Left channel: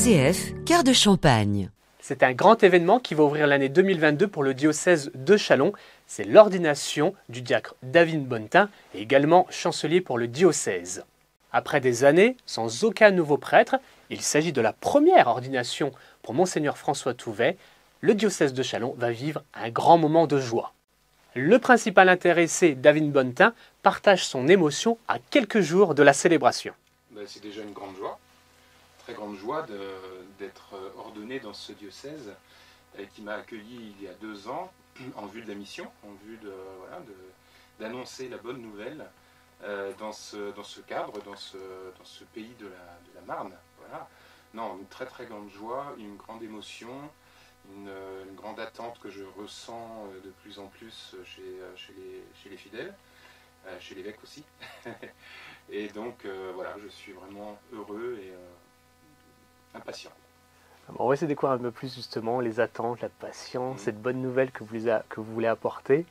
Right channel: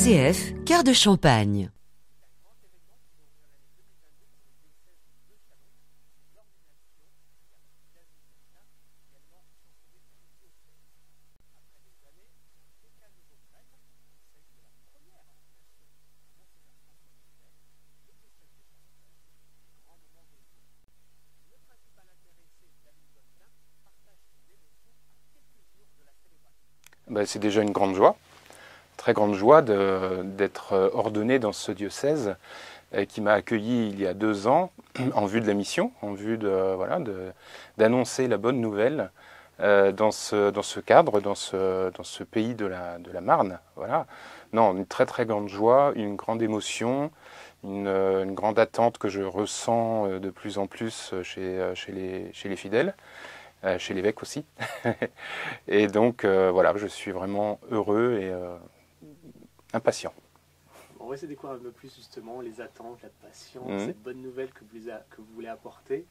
RCF, Cœur de Champagne. C'est un grand événement qui va ouvrir l'année 2022 pour le diocèse de Châlons. C'est l'ordination du diacre David Bonnetin et également chancelier pour le diocèse. Après des années sans aucun nouveau prêtre, il s'agit de la première ordination pour Monseigneur François Touvet. Le diocèse de Châlons va vivre un grand moment de joie. Le principal intéressé, David Bonnetin, partage son émotion à quelques jours de la célébration. C'est déjà une grande joie, très grande joie d'être ordonné dans ce diocèse qui m'a accueilli il y a 2 ans en vue de la mission, en vue d'annoncer la bonne nouvelle dans ce cadre, dans ce pays de la Marne. Voilà. Non, une très très grande joie, une grande émotion, une grande attente que je ressens de plus en plus chez les fidèles, chez l'évêque aussi. Et donc voilà, je suis vraiment heureux et impatient. On va essayer de découvrir un peu plus justement les attentes, la patience, cette bonne nouvelle que vous voulez apporter.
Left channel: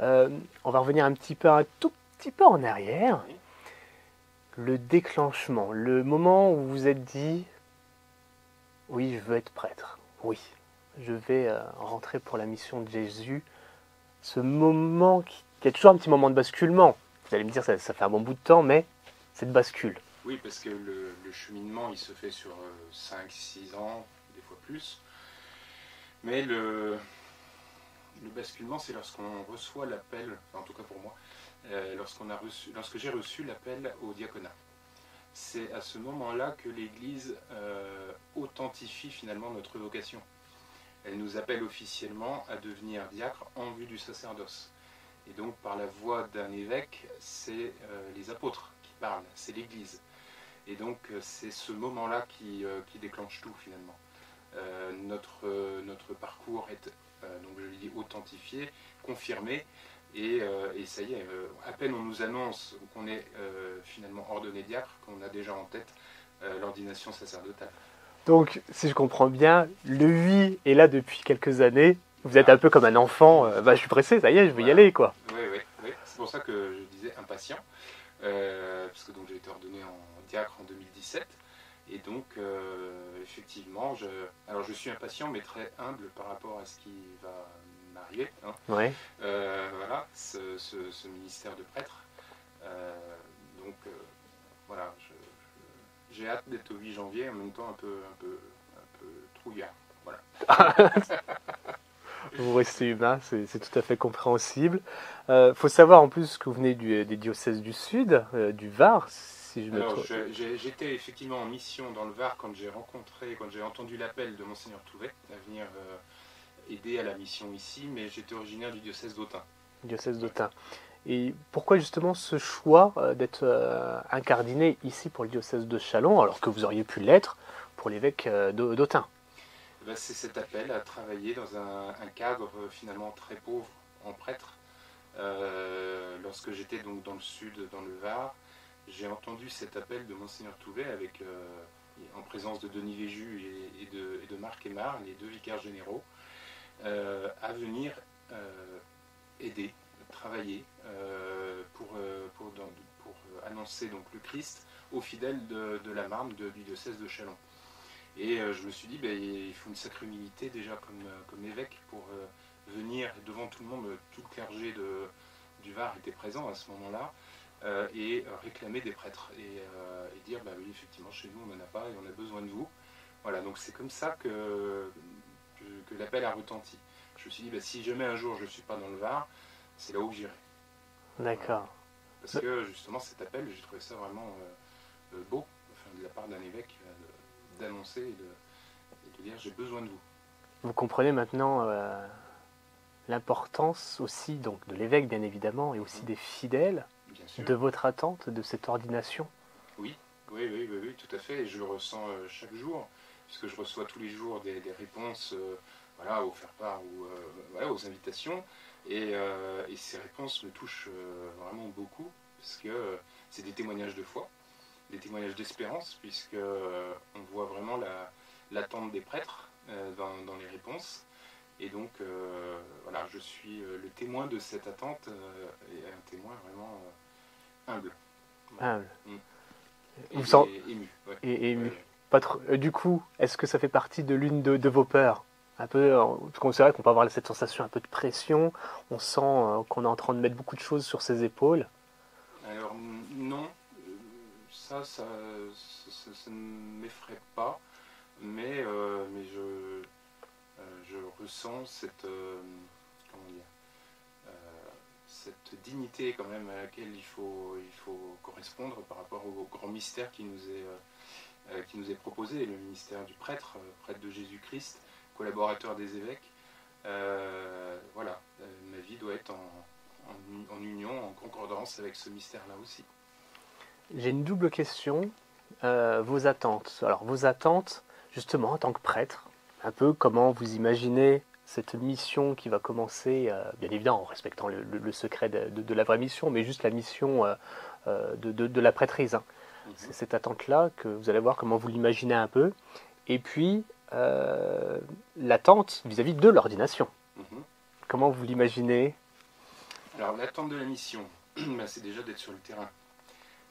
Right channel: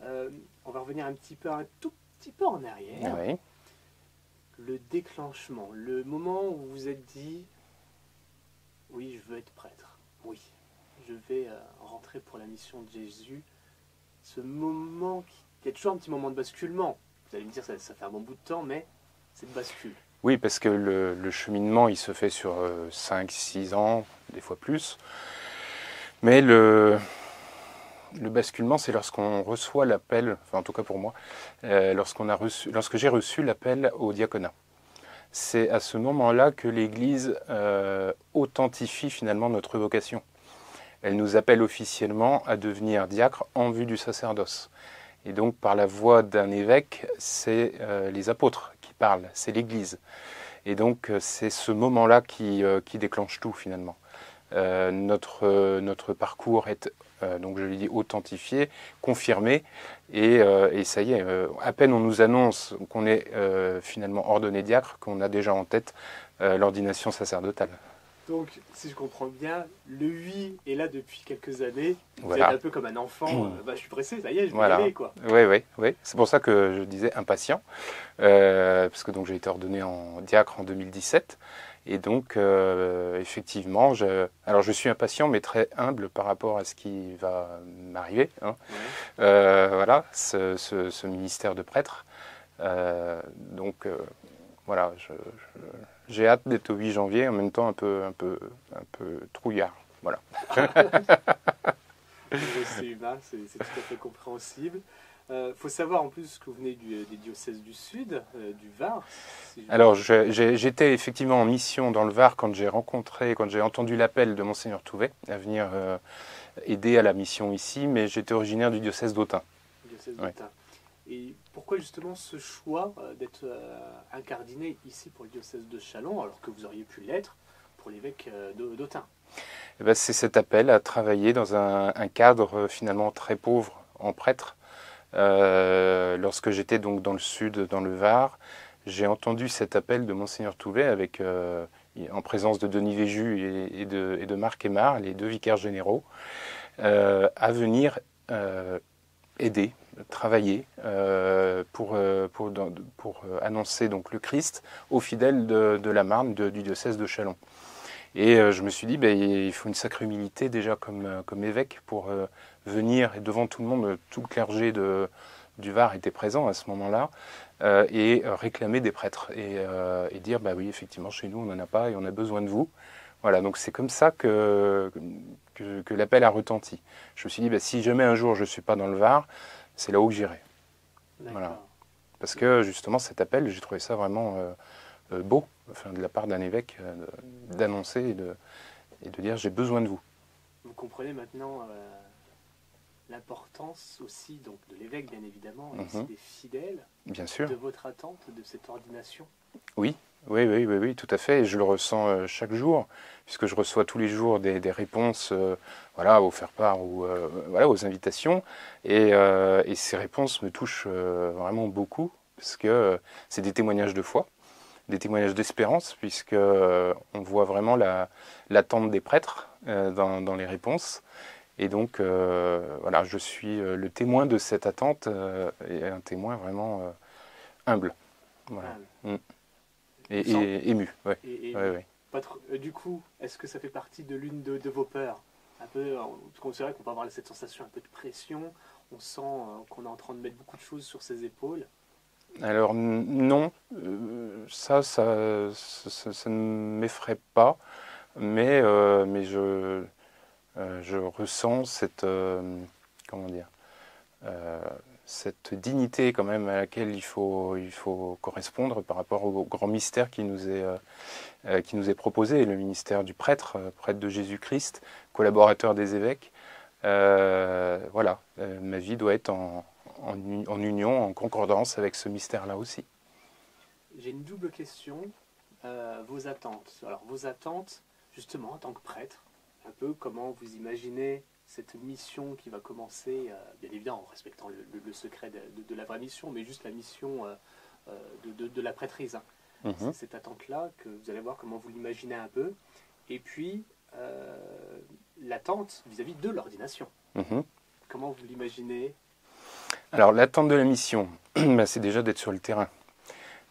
On va revenir un tout petit peu en arrière. Oui. Le déclenchement, le moment où vous vous êtes dit « Oui, je veux être prêtre. Oui, je vais rentrer pour la mission de Jésus. » Ce moment qui est toujours un petit moment de basculement. Vous allez me dire, ça fait un bon bout de temps, mais cette bascule. Oui, parce que le cheminement, il se fait sur 5-6 ans, des fois plus. Mais le basculement, c'est lorsqu'on reçoit l'appel, enfin en tout cas pour moi, lorsque j'ai reçu l'appel au diaconat. C'est à ce moment-là que l'Église authentifie finalement notre vocation. Elle nous appelle officiellement à devenir diacre en vue du sacerdoce. Et donc par la voix d'un évêque, c'est les apôtres qui parlent, c'est l'Église. Et donc c'est ce moment-là qui déclenche tout finalement. Notre parcours est, donc je l'ai dit, authentifié, confirmé, et ça y est, à peine on nous annonce qu'on est finalement ordonné diacre, qu'on a déjà en tête l'ordination sacerdotale. Donc, si je comprends bien, le oui est là depuis quelques années. Vous Voilà. êtes un peu comme un enfant. Je suis pressé, ça y est, je vais y aller, quoi. Oui. C'est pour ça que je disais impatient, parce que donc j'ai été ordonné en diacre en 2017. Et donc, effectivement, je suis impatient, mais très humble par rapport à ce qui va m'arriver. Hein. Ouais. Voilà, ce ministère de prêtre. Voilà, j'ai hâte d'être au 8 janvier, en même temps un peu trouillard. Voilà. C'est humain, c'est tout à fait compréhensible. Faut savoir en plus que vous venez des diocèses du Sud, du Var. Si Alors, j'étais effectivement en mission dans le Var quand j'ai entendu l'appel de Monseigneur Touvet à venir aider à la mission ici, mais j'étais originaire du diocèse d'Autun. Diocèse d'Autun. Et pourquoi justement ce choix d'être incardiné ici pour le diocèse de Châlons, alors que vous auriez pu l'être pour l'évêque d'Autun? C'est cet appel à travailler dans un cadre finalement très pauvre en prêtre. Lorsque j'étais donc dans le sud, dans le Var, j'ai entendu cet appel de Monseigneur Touvet en présence de Denis Véju et de Marc Aymar, les 2 vicaires généraux, à venir aider, travailler pour annoncer donc le Christ aux fidèles de la Marne, du diocèse de Châlons. Et je me suis dit, il faut une sacrée humilité déjà comme évêque pour venir, et devant tout le monde, tout le clergé du Var était présent à ce moment-là, et réclamer des prêtres, et dire, oui, effectivement, chez nous, on n'en a pas et on a besoin de vous. Voilà, donc c'est comme ça que l'appel a retenti. Je me suis dit, si jamais un jour je ne suis pas dans le Var, c'est là où j'irai. D'accord. Voilà. Parce que justement, cet appel, j'ai trouvé ça vraiment beau, de la part d'un évêque, d'annoncer et de dire, j'ai besoin de vous. Vous comprenez maintenant l'importance aussi donc, de l'évêque, bien évidemment, et aussi des fidèles, bien sûr, de votre attente, de cette ordination. Oui, tout à fait. Et je le ressens chaque jour, puisque je reçois tous les jours des réponses au faire-part ou aux invitations. Et ces réponses me touchent vraiment beaucoup, parce que c'est des témoignages de foi, des témoignages d'espérance, puisque on voit vraiment l'attente des prêtres dans les réponses. Et donc, je suis le témoin de cette attente et un témoin vraiment humble. Voilà. Humble. Et ému. Ouais. Et ému. Ouais. Du coup, est-ce que ça fait partie de l'une de vos peurs? Un peu, parce qu'on c'est vrai qu'on peut avoir cette sensation un peu de pression, on sent qu'on est en train de mettre beaucoup de choses sur ses épaules. Alors non, ça ne m'effraie pas, mais je ressens comment dire, euh, cette dignité quand même à laquelle il faut correspondre par rapport au grand mystère qui nous est proposé, le ministère du prêtre, prêtre de Jésus-Christ, collaborateur des évêques. Voilà, ma vie doit être en union, en concordance avec ce mystère-là aussi. J'ai une double question. Vos attentes. Alors, vos attentes, justement, en tant que prêtre, un peu comment vous imaginez cette mission qui va commencer, bien évidemment en respectant le secret de la vraie mission, mais juste la mission de la prêtrise. Hein. C'est cette attente-là que vous allez voir comment vous l'imaginez un peu. Et puis, l'attente vis-à-vis de l'ordination. Comment vous l'imaginez? Alors, l'attente de la mission, bah, c'est déjà d'être sur le terrain.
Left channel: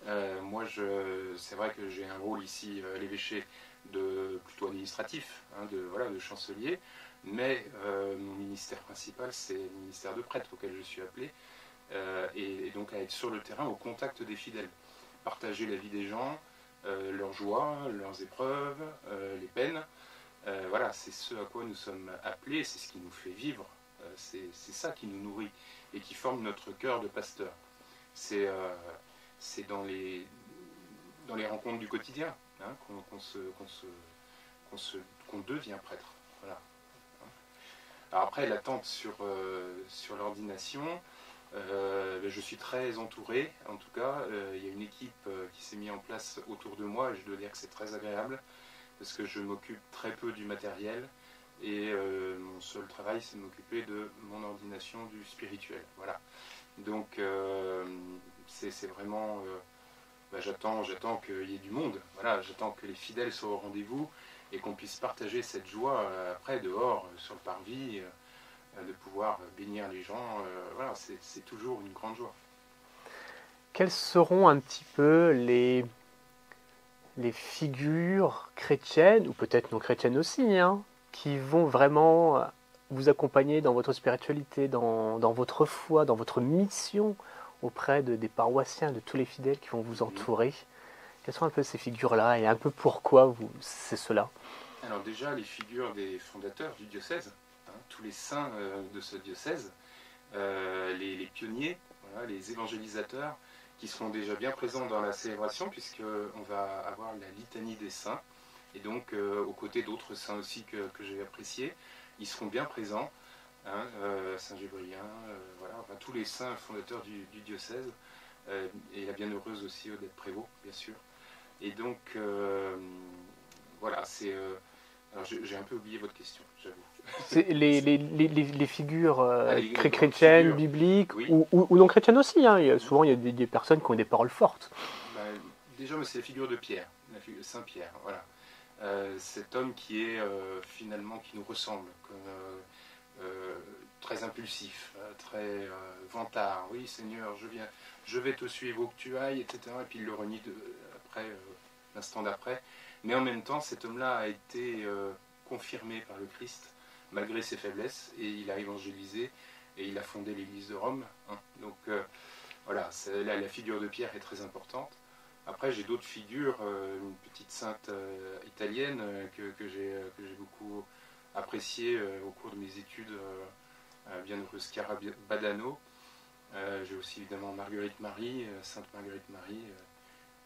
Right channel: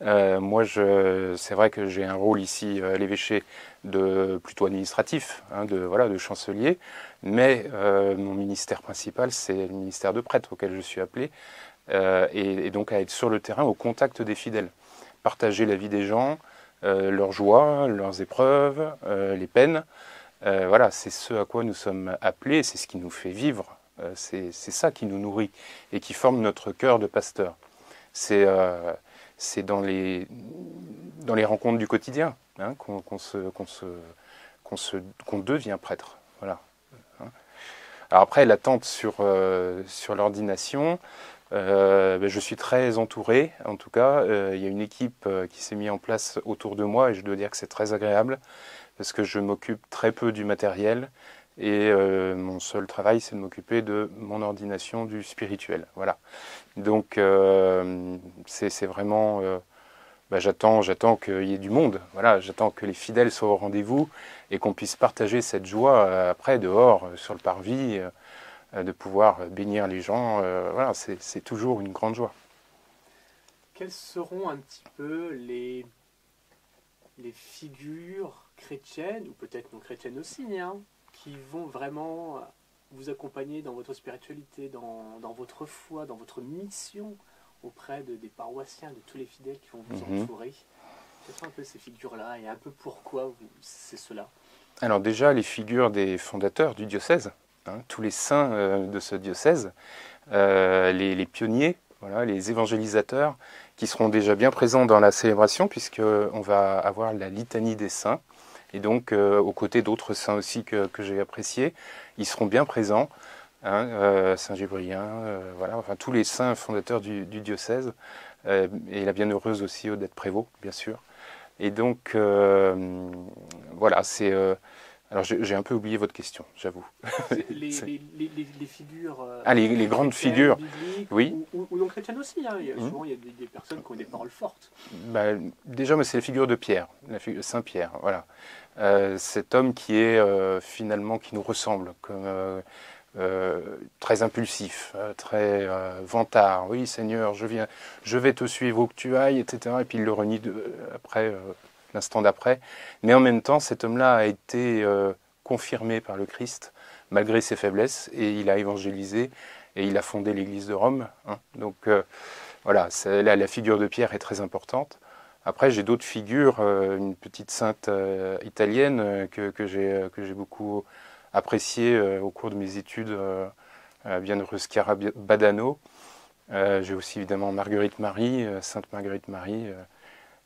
Moi, c'est vrai que j'ai un rôle ici à l'évêché plutôt administratif, hein, de chancelier, mais mon ministère principal, c'est le ministère de prêtre auquel je suis appelé, et donc à être sur le terrain au contact des fidèles, partager la vie des gens, leurs joies, leurs épreuves, les peines. Voilà, c'est ce à quoi nous sommes appelés, c'est ce qui nous fait vivre, c'est ça qui nous nourrit et qui forme notre cœur de pasteur. C'est dans les rencontres du quotidien, hein, qu'on devient prêtre. Voilà. Alors après, l'attente sur l'ordination, je suis très entouré, en tout cas. Il y a une équipe qui s'est mise en place autour de moi et je dois dire que c'est très agréable parce que je m'occupe très peu du matériel et mon seul travail, c'est de m'occuper de mon ordination du spirituel. Voilà. Donc c'est vraiment, j'attends qu'il y ait du monde. Voilà, j'attends que les fidèles soient au rendez-vous et qu'on puisse partager cette joie après dehors sur le parvis, de pouvoir bénir les gens. Voilà, c'est toujours une grande joie. Quelles seront un petit peu les figures chrétiennes, ou peut-être non chrétiennes aussi, hein, qui vont vraiment vous accompagner dans votre spiritualité, dans votre foi, dans votre mission auprès des paroissiens, de tous les fidèles qui vont vous entourer? Quelles sont un peu ces figures-là et un peu pourquoi c'est cela? Alors déjà, les figures des fondateurs du diocèse, hein, tous les saints de ce diocèse, les pionniers, voilà, les évangélisateurs, qui seront déjà bien présents dans la célébration, puisqu'on va avoir la litanie des saints, et donc aux côtés d'autres saints aussi que j'ai appréciés, ils seront bien présents, hein, Saint Gébrien, voilà, enfin tous les saints fondateurs du diocèse, et la bienheureuse aussi Odette Prévost, bien sûr. Et donc, voilà, c'est... alors j'ai un peu oublié votre question, j'avoue. Les figures les grandes chrétiennes, figures, bibliques, oui. ou non chrétiennes aussi. Hein. Souvent, il y a des personnes qui ont des paroles fortes. Déjà, c'est la figure de Pierre, la figure de Saint Pierre, voilà. Cet homme qui est finalement, qui nous ressemble, comme très impulsif, très vantard. Oui, Seigneur, je vais te suivre où que tu ailles, etc. Et puis il le renie après, l'instant d'après. Mais en même temps, cet homme-là a été confirmé par le Christ, malgré ses faiblesses, et il a évangélisé, et il a fondé l'Église de Rome. Hein. Donc voilà, la figure de Pierre est très importante. Après, j'ai d'autres figures, une petite sainte italienne que j'ai beaucoup appréciée au cours de mes études, bienheureuse Chiara Badano. J'ai aussi évidemment Marguerite Marie, Sainte Marguerite Marie,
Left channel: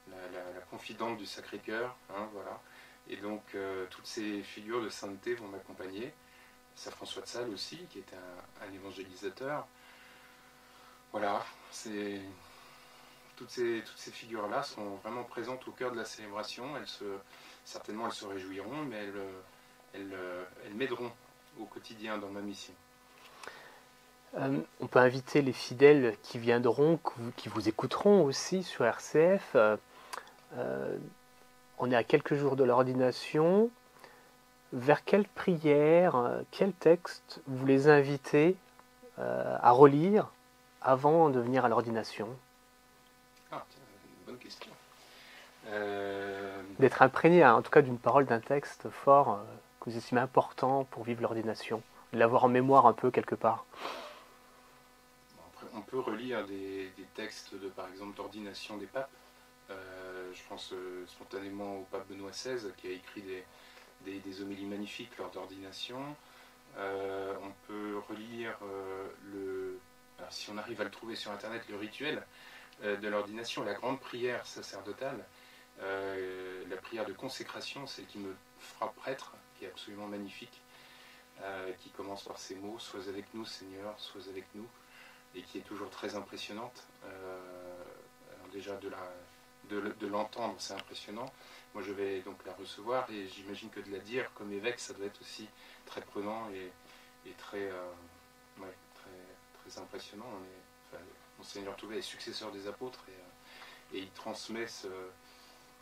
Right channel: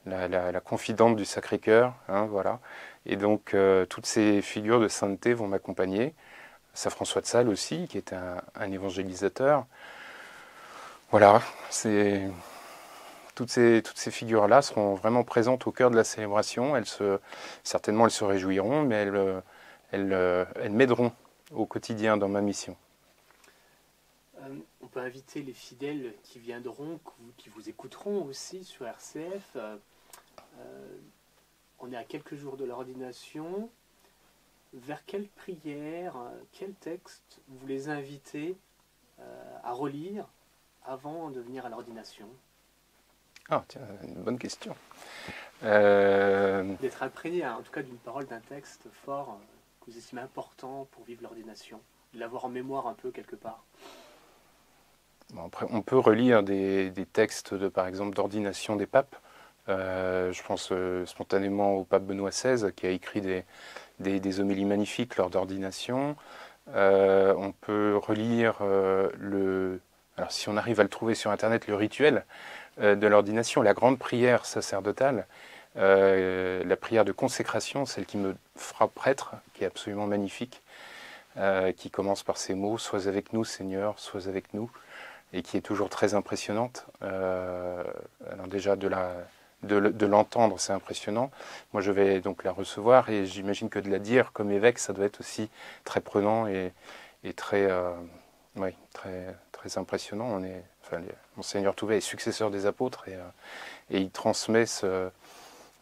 la confidente du Sacré-Cœur, hein, voilà. Et donc toutes ces figures de sainteté vont m'accompagner. Saint François de Sales aussi, qui est un évangélisateur. Voilà, toutes ces figures-là seront vraiment présentes au cœur de la célébration. Certainement, elles se réjouiront, mais elles m'aideront au quotidien dans ma mission. On peut inviter les fidèles qui viendront, qui vous écouteront aussi sur RCF. On est à quelques jours de l'ordination. Vers quelle prière, quel texte vous les invitez à relire avant de venir à l'ordination? Ah, tiens, une bonne question. D'être imprégné, en tout cas, d'une parole, d'un texte fort que vous estimez important pour vivre l'ordination, de l'avoir en mémoire un peu quelque part. Bon, après, on peut relire des textes, par exemple, d'ordination des papes. Je pense spontanément au pape Benoît XVI, qui a écrit des homélies magnifiques lors d'ordination. On peut relire alors si on arrive à le trouver sur Internet, le rituel de l'ordination, la grande prière sacerdotale, la prière de consécration, celle qui me fera prêtre, qui est absolument magnifique, qui commence par ces mots « Sois avec nous, Seigneur, sois avec nous », et qui est toujours très impressionnante. Alors déjà, de l'entendre, c'est impressionnant. Moi, je vais donc la recevoir, et j'imagine que de la dire comme évêque, ça doit être aussi très prenant et très, très impressionnant. Monseigneur Touvet est successeur des apôtres, et il transmet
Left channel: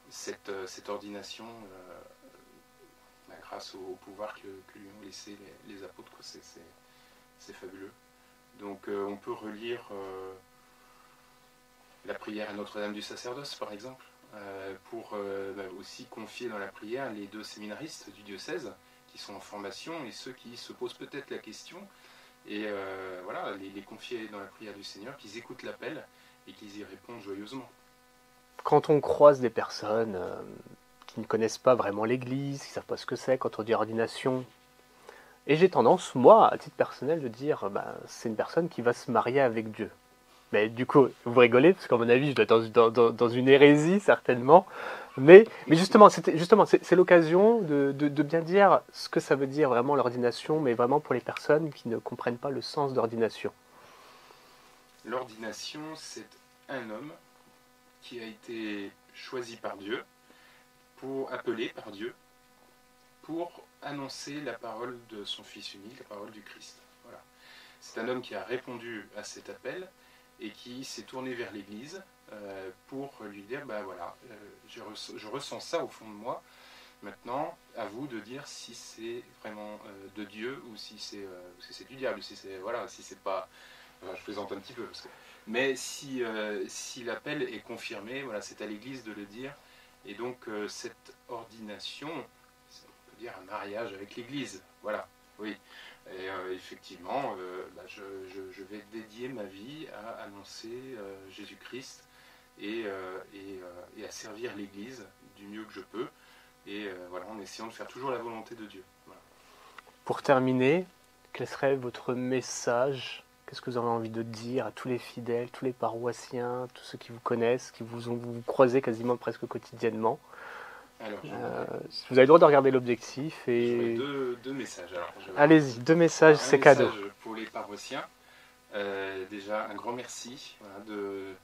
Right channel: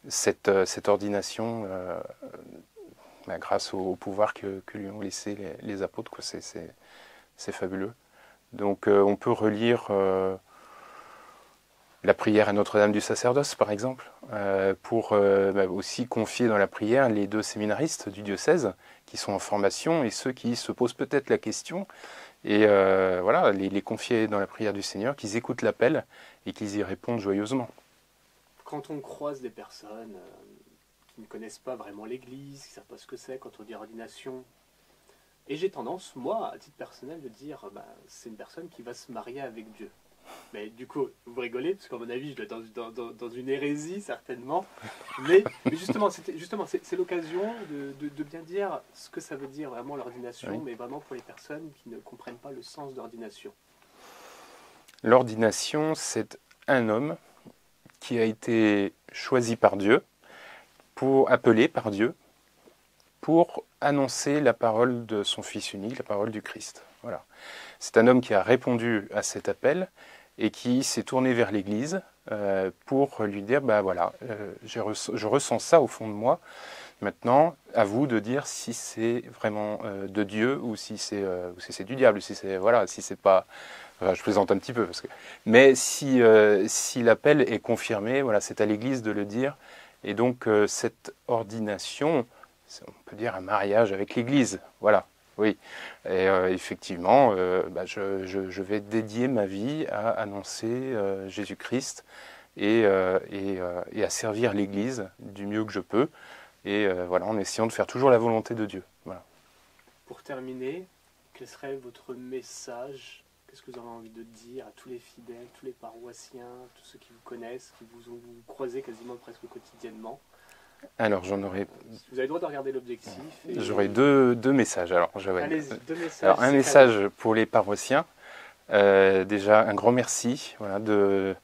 cette ordination grâce au pouvoir que lui ont laissé les apôtres. C'est fabuleux. Donc on peut relire la prière à Notre-Dame du Sacerdoce, par exemple, pour aussi confier dans la prière les 2 séminaristes du diocèse qui sont en formation et ceux qui se posent peut-être la question, et les confier dans la prière du Seigneur, qu'ils écoutent l'appel et qu'ils y répondent joyeusement. Quand on croise des personnes qui ne connaissent pas vraiment l'Église, qui ne savent pas ce que c'est quand on dit ordination, et j'ai tendance, moi, à titre personnel, de dire c'est une personne qui va se marier avec Dieu. Mais du coup, vous rigolez, parce qu'à mon avis, je dois être dans une hérésie, certainement. Mais justement, c'est l'occasion de bien dire ce que ça veut dire vraiment l'ordination, oui. Mais vraiment pour les personnes qui ne comprennent pas le sens d'ordination. L'ordination, c'est un homme qui a été choisi par Dieu, appelé par Dieu, pour annoncer la parole de son Fils unique, la parole du Christ. Voilà. C'est un homme qui a répondu à cet appel et qui s'est tourné vers l'Église pour lui dire, je ressens ça au fond de moi. Maintenant, à vous de dire si c'est vraiment de Dieu ou si c'est du diable, si c'est pas... je plaisante un petit peu. Mais si l'appel est confirmé, c'est à l'Église de le dire. Et donc cette ordination, on peut dire un mariage avec l'Église, voilà, oui. Et effectivement, je vais dédier ma vie à annoncer Jésus-Christ et à servir l'Église du mieux que je peux, et en essayant de faire toujours la volonté de Dieu. Voilà. Pour terminer, quel serait votre message ? Qu'est-ce que vous avez envie de dire à tous les fidèles, tous les paroissiens, tous ceux qui vous connaissent, qui vous croisez quasiment presque quotidiennement ? Alors, j'en aurais... vous avez le droit de regarder l'objectif. J'aurais deux messages. Allez-y, 2 messages, un message pour les paroissiens. Déjà, un grand merci de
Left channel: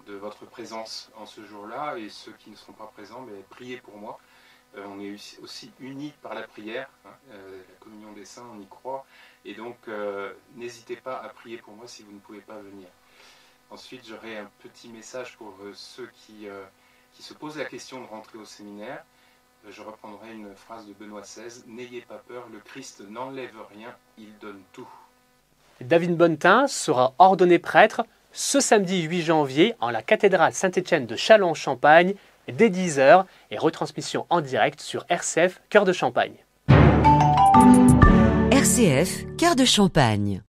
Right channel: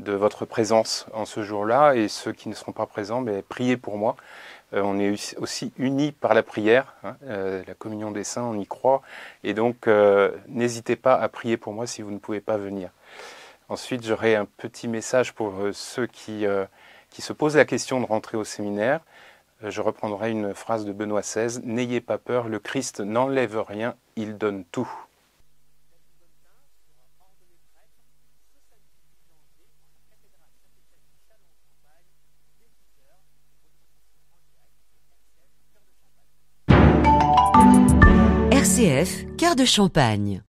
votre présence en ce jour-là. Et ceux qui ne seront pas présents, priez pour moi. On est aussi unis par la prière. La communion des saints, on y croit. Et donc, n'hésitez pas à prier pour moi si vous ne pouvez pas venir. Ensuite, j'aurai un petit message pour ceux qui se posent la question de rentrer au séminaire. Je reprendrai une phrase de Benoît XVI. « N'ayez pas peur, le Christ n'enlève rien, il donne tout. » David Bonnetin sera ordonné prêtre ce samedi 8 janvier en la cathédrale Saint-Étienne de Châlons-en-Champagne dès 10h et retransmission en direct sur RCF Cœur de Champagne. RCF Cœur de Champagne.